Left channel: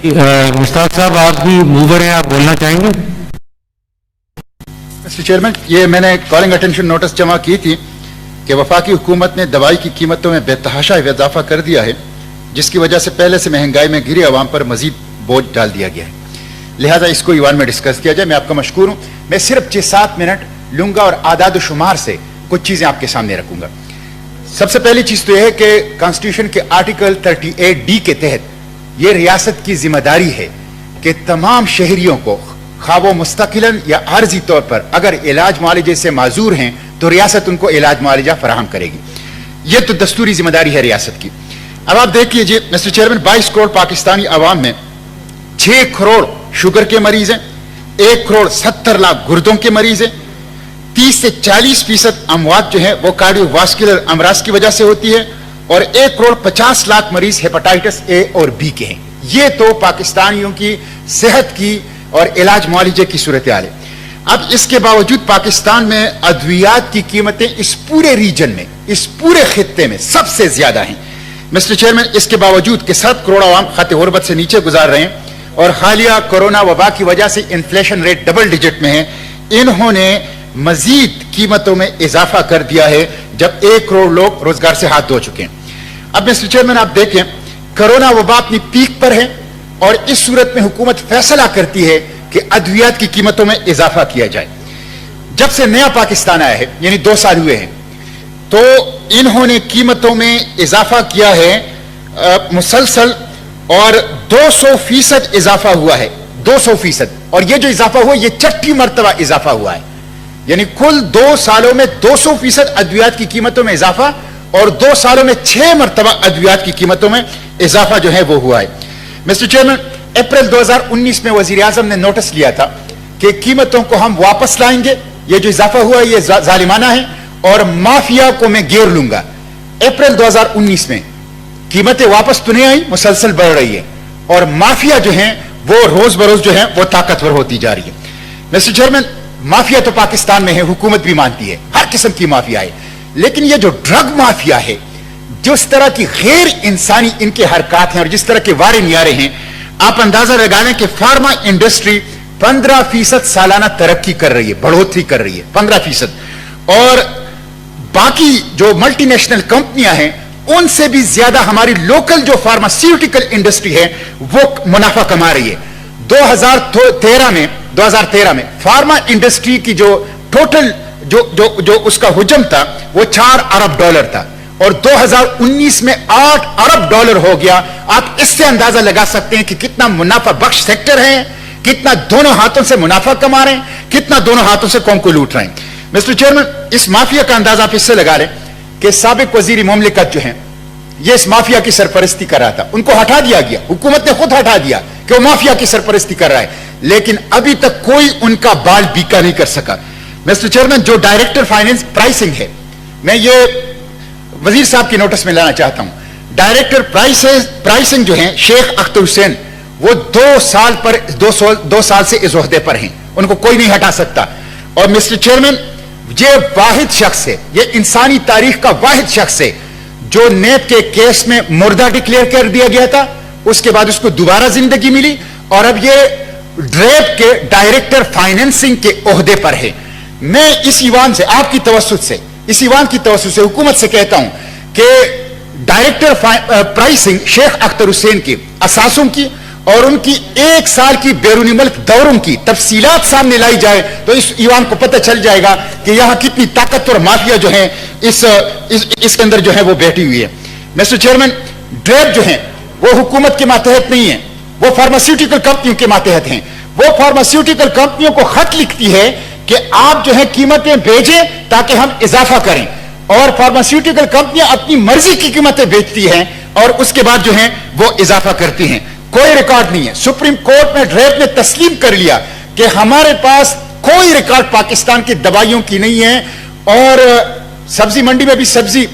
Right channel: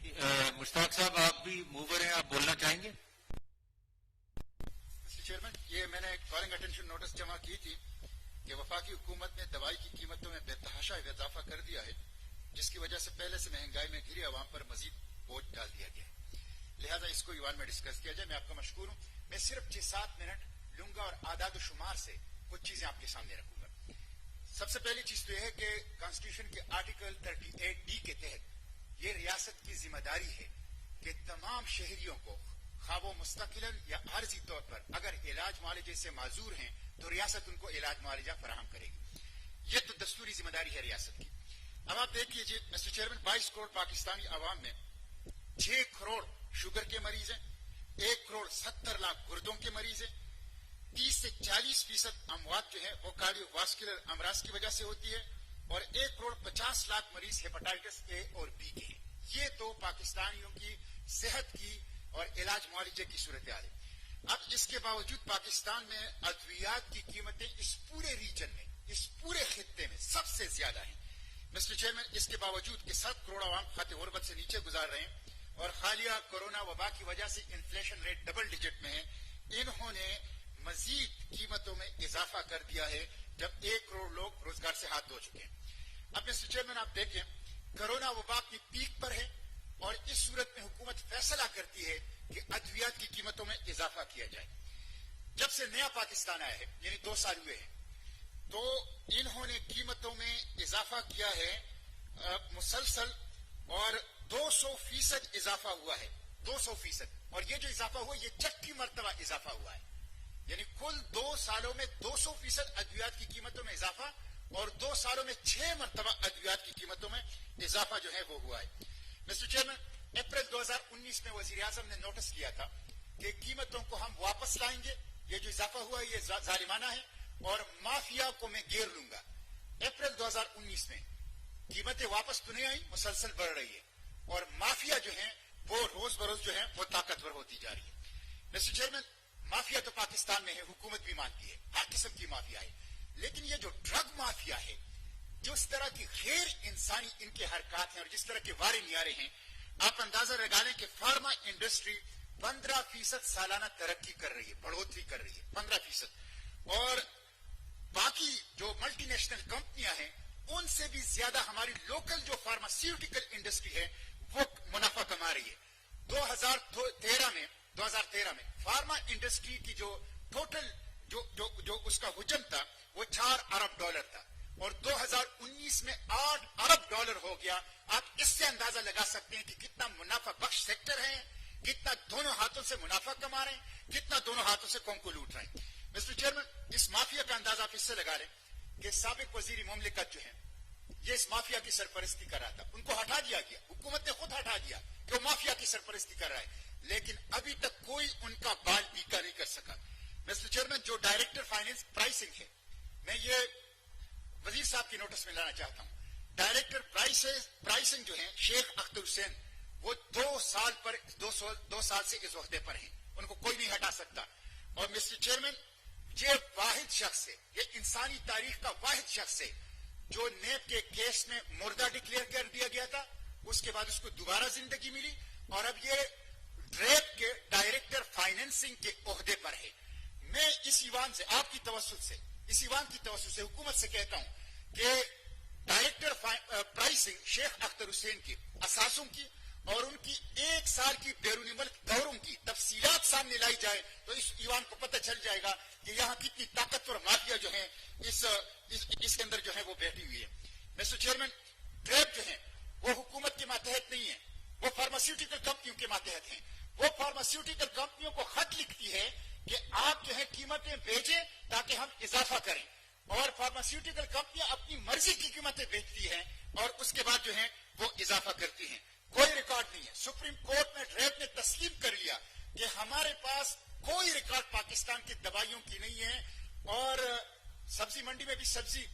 मुश्ताक साहब, आप भी मूवर हैं, आप बोलना चाहेंगे? मिस्टर चेयरमैन, ये मैंने कॉलिंग अटेंशन नोटिस जमा की थी कि वफाकी हुकूमत ने दवाई की कीमतों में बेतहाशा इजाफा कर दिया है, जिसकी वजह से पहले से महंगाई में गिरे अवाम पर मजीद बोझ डाल दिया गया है। लिहाजा इसको ईवान में डिस्कस किया जाए। मैं आपका मशकूर हूं। मैं सिर्फ 6-7 मिनट लूंगा और आदाद शुमार से कुछ चीजें आपके सामने रखूंगा। सबसे पहली चीज तो यह है कि कॉन्स्टिट्यूशन के आर्टिकल 38D के तहत यह रियासत की जिम्मेदारी है कि तमाम शहरियों को खा वो मुस्तकिलन या आर्जी तौर पर अगर इलाज मुआलजे से माजूर हैं तो रियासत उनको इलाज मुआलजा फराहम करेगी। यह तो दस्तूरी जिम्मेदारी है रियासत की। अब आप देख लीजिए मिस्टर चेयरमैन, 22 करोड़ पाकिस्तानी आवाम में 6 करोड़ शुगर के मरीज हैं, 1 करोड़ 70 लाख गुर्दों के मरीज हैं, 30 से 40% अमवात जो है वो कार्डियोवास्कुलर अमराज की वजह से होती है, और 1 करोड़ 50 लाख मरीज हेपेटाइटिस ए और बी के हैं। ये तो पाकिस्तानियों की सेहत की और इलाज मुआलजे की सूरत हाल है। अब इसके बावजूद पाकिस्तान में अद्वियात की कीमतें इस पूरे रीजन में, इस पूरे खित्ते में सबसे ज्यादा हैं। मिस्टर चेयरमैन, इसके बावजूद कि 7 करोड़ आवाम खत गुर्बत से नीचे गुजार रहे हैं और हालिया कोरोना वबा की वजह से इन्फ्लेशन रेट डबल डिजिट में है, इन्होंने मजीद कीमतों में इजाफा कर दिया है जब 1 करोड़ लोग रोजगार से हाथ धो चुके हैं। अब मिस्टर चेयरमैन, आप देखें कोरोना वबा अपनी पीक पर है और इस सूरत में हुकूमत फैसला करती है कि अद्वियात की कीमतों में इजाफा किया जाए। जब से नया पाकिस्तान आया है, यानी 2 साल हुए हैं, तो इन्होंने कीमतों में इजाफा किया है मुसलसल, और 200% इजाफा हुआ है, 200%। और यह जो इजाफा हुआ यह 6ठी मरतबा इजाफा हुआ है, यानी कुल 2 सालों में 200% अद्वियात की कीमतों में इजाफा, और 2 सालों में 6 मरतबा अद्वियात की कीमतों में इजाफा जो है वो हुआ है। मिस्टर चेयरमैन, अप्रैल 2019 में वजीर आजम ने नोटिस लिया था कि कीमतों को हम वापस लाएंगे, ये जो इजाफा हुआ है ये जालिमाना है और माफिया को मैं घेर लूंगा। अप्रैल 2019 में कीमतें वापस तो नहीं आई, मुसलसल बढ़ रही है, और माफिया जो है वो रोज बरोज जो है वो ताकतवर होती जा रही है। मिस्टर चेयरमैन, माफिया तो पाकिस्तान में है, हुकूमत भी मानती है, हर किस्म की माफिया है, लेकिन ये जो ड्रग माफिया है, जिस तरह की गैर इंसानी इनके हरकत हैं और जिस तरह के वारे नियारे हैं, आप अंदाजा लगा लें कि फार्मा इंडस्ट्री 15% सालाना तरक्की कर रही है, बढ़ोतरी कर रही है 15%, और बाकी जो मल्टीनेशनल कंपनियां हैं उनसे भी ज्यादा हमारी लोकल जो फार्मास्यूटिकल इंडस्ट्री है वो मुनाफा कमा रही है। 2013 में फार्मा इंडस्ट्री की जो टोटल जो उसका हुजम था वो $4 अरब था, और 2019 में $8 अरब हो गया। आप इससे अंदाजा लगा सकते हैं कि कितना मुनाफा बख्श सेक्टर है, कितना दोनों हाथों से मुनाफा कमा रहे हैं, कितना दोनों हाथों से कौम को लूट रहे हैं। मिस्टर चेयरमैन, इस माफिया का अंदाजा आप इससे लगा लें कि साबिक वजीर मुमलिकत जो है ये इस माफिया की सरपरस्ती कर रहा था, उनको हटा दिया गया, हुकूमत ने खुद हटा दिया कि वो माफिया की सरपरस्ती कर रहा है, लेकिन अभी तक कोई उनका बाल बीका नहीं कर सका। मिस्टर चेयरमैन, जो डायरेक्टर फाइनेंस प्राइसिंग है, मैं ये वजीर साहब की नोटिस में लाना चाहता हूं। डायरेक्टर प्राइसिंग जो है शेख अख्तर हुसैन, वो 2 साल से इस ओहदे पर हैं, उनको कोई नहीं हटा सकता। और मिस्टर चेयरमैन, ये वाहिद शख्स है, ये इंसानी तारीख का वाहिद शख्स है जो नेप के केस में मुर्दा डिक्लेयर कर दिया गया था, उसके बाद उसको दोबारा जिंदगी मिली, और अब ये ड्रेप के डायरेक्टर फाइनेंसिंग के ओहदे पर है। मैं इस ईवान से, आपकी तवस्सुत से, इस ईवान की तवस्सुत से हुकूमत से कहता हूं कि डायरेक्टर प्राइसिंग शेख अख्तर हुसैन की असासों की और उनकी 1 साल की बैरूनी मुल्क दौरों की तफसीलात सामने लाई जाए तो इस ईवान को पता चल जाएगा कि यहां कितनी ताकतवर माफिया जो है इसके अंदर जो है वो बैठी हुई है। मिस्टर चेयरमैन, ड्रेप जो है वो हुकूमत के मातहत नहीं है, वो फार्मास्यूटिकल कंपनियों के मातहत हैं। वो फार्मास्यूटिकल कंपनियों को खत लिखती है कि आप जो है कीमतें भेजें ताकि हम इजाफा करें, और फार्मास्यूटिकल कंपनियां अपनी मर्जी की कीमतें बेचती हैं और उसके बाद जो है वो इजाफा करती हैं। कोई रिकॉर्ड नहीं है। सुप्रीम कोर्ट में ड्रेप ने तस्लीम कर लिया कि हमारे पास कोई रिकॉर्ड पाकिस्तान की दवाइयों की नहीं है, और सब्जी मंडी में भी सब्जी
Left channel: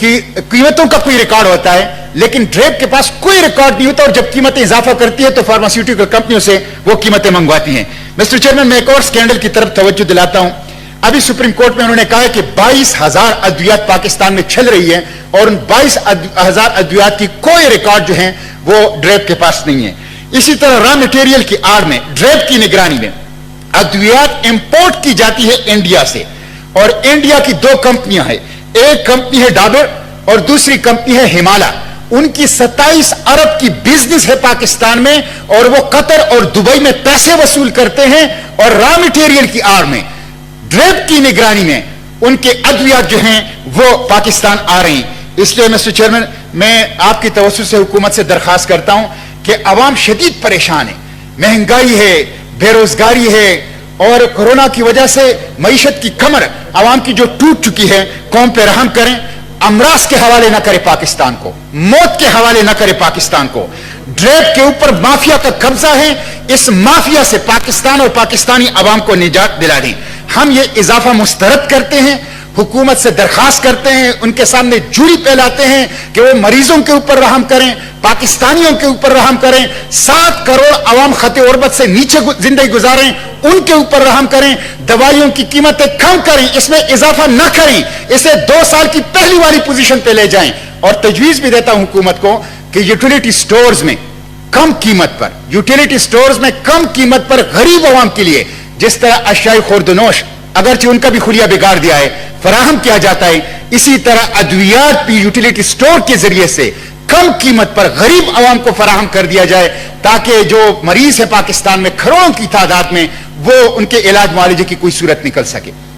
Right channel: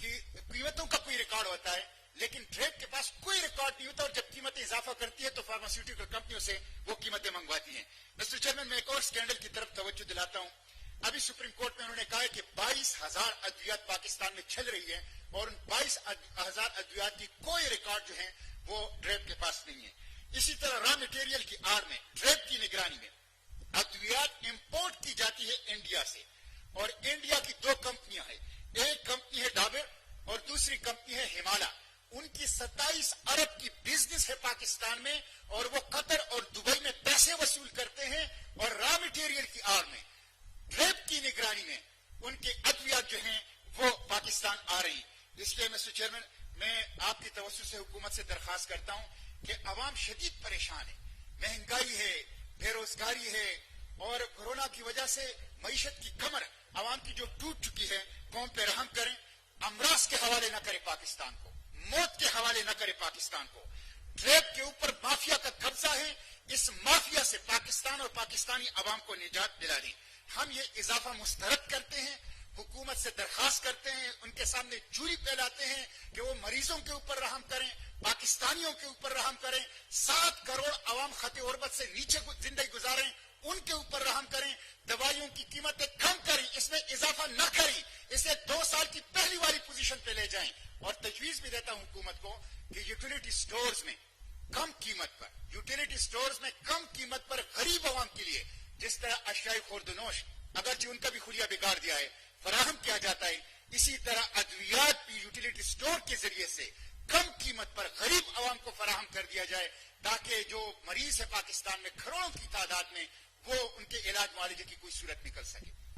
की कीमतों का कोई रिकॉर्ड होता है, लेकिन ड्रेप के पास कोई रिकॉर्ड नहीं होता, और जब कीमतें इजाफा करती है तो फार्मास्यूटिकल कंपनियों से वो कीमतें मंगवाती हैं। मिस्टर चेयरमैन, मैं एक और स्कैंडल की तरफ तवज्जो दिलाता हूं। अभी सुप्रीम कोर्ट में उन्होंने कहा है कि 22,000 अद्वियात पाकिस्तान में चल रही है, और उन 22,000 अद्वियात की कोई रिकॉर्ड जो है वो ड्रेप के पास नहीं है। इसी तरह रॉ मटेरियल की आड़ में ड्रेप की निगरानी में अद्वियात इंपोर्ट की जाती है इंडिया से, और इंडिया की दो कंपनियां हैं, एक कंपनी है डाबर और दूसरी कंपनी है हिमालय। उनकी 27 अरब की बिजनेस है पाकिस्तान में, और वो कतर और दुबई में पैसे वसूल करते हैं, और रॉ मटेरियल की आड़ में ड्रेप की निगरानी में उनके अद्वियात जो हैं वो पाकिस्तान आ रही हैं। इसलिए मिस्टर चेयरमैन, मैं आपकी तवज्जो से हुकूमत से दरखास्त करता हूं कि अवाम शदीद परेशान है, महंगाई है, बेरोजगारी है, और कोरोना की वजह से मईशत की कमर अवाम की जो टूट चुकी है, कौम पे रहम करें, अमराज के हवाले ना करे पाकिस्तान को, मौत के हवाले ना करे पाकिस्तान को। ड्रेप के ऊपर माफिया का कब्जा है, इस माफिया से पाकिस्तान और पाकिस्तानी अवाम को निजात दिला दें। हम ये इजाफा मुस्तरद करते हैं, हुकूमत से दरखास्त करते हैं, उनके सामने जूरी फैलाते हैं कि वो मरीजों के ऊपर रहम करें, पाकिस्तानियों के ऊपर रहम करें, 7 करोड़ अवाम खते उर्बत से नीचे जिंदगी गुजारें, उनके ऊपर रहम करें, दवाइयों की कीमतें कम करें, इसमें इजाफा न करें, इसे 2 साल की पहली वाली पोजीशन पे ले जाएं। और तजवीज भी देता हूं हुकूमत को कि यूटिलिटी स्टोर्स में कम कीमत पर, यूटिलिटी स्टोर्स में कम कीमत पर गरीब अवाम के लिए जिस तरह अशाई खुर्दनोश, अगरचे उनका भी खुलिया बिगाड़ दिया है, फराहम किया जाता है, इसी तरह अद्वियात भी यूटिलिटी स्टोर के जरिए से कम कीमत पर गरीब अवाम को फराहम कर दिया जाए, ताकि जो मरीज है पाकिस्तान में करोड़ों की तादाद में, वो उनके इलाज मुआलजे की कोई सूरत निकल सके।